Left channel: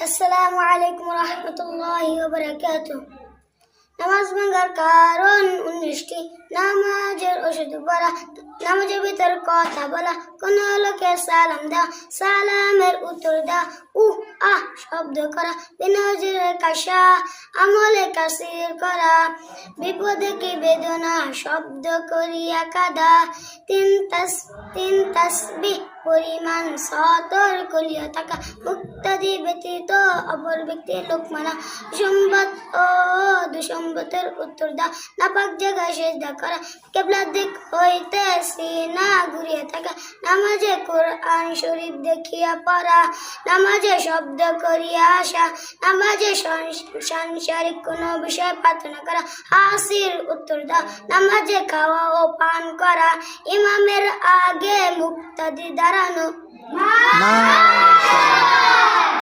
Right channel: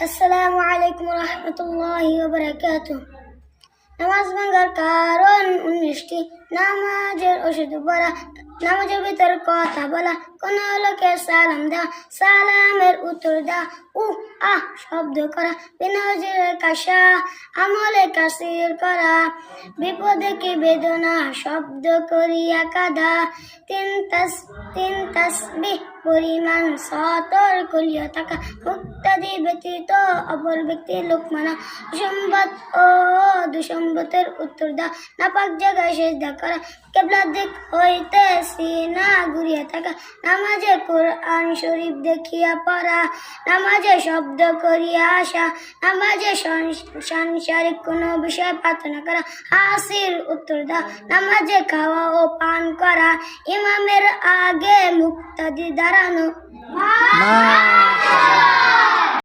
আসসালামু আলাইকুম রহমতুল্লাহি ওয়া বারাকাতুহু। নামাজ ভাঙার কারণ 19টি। নামাজের ওষুধ পড়া, নামাজের ভিতর কথা বলা, কোন লোকের সালাম দেওয়া, সালামের উত্তর দেওয়া, আহ শব্দ করা, বিনজরে কাশা, আমলে কাসির করা, বিপদে কি বেদনা, শব্দ করিয়া কাদা, তিন তাসবিহ পরিমাণ সতর করিয়া থাকা, মুক্তাদি ব্যতীত অপর ব্যক্তির লোক মানা, সম্বাদ ও দুসম্বতের উত্তর দা, নাপাক জায়গায় সেজদা করা, কিবলার দিক হইতে সিনা ঘুরিয়া থাকা, নামাজে কোরআন শরীফ দেখিয়া পড়া, নামাজে শব্দ করিয়া আসা, নামাজে সাংসারিক কোনো বিষয় প্রার্থনা করা, হাসির উত্তর দা, নামাজে খাওয়া ও পান করা, ইমামের আগে মুক্তাদি দাঁড়ানো।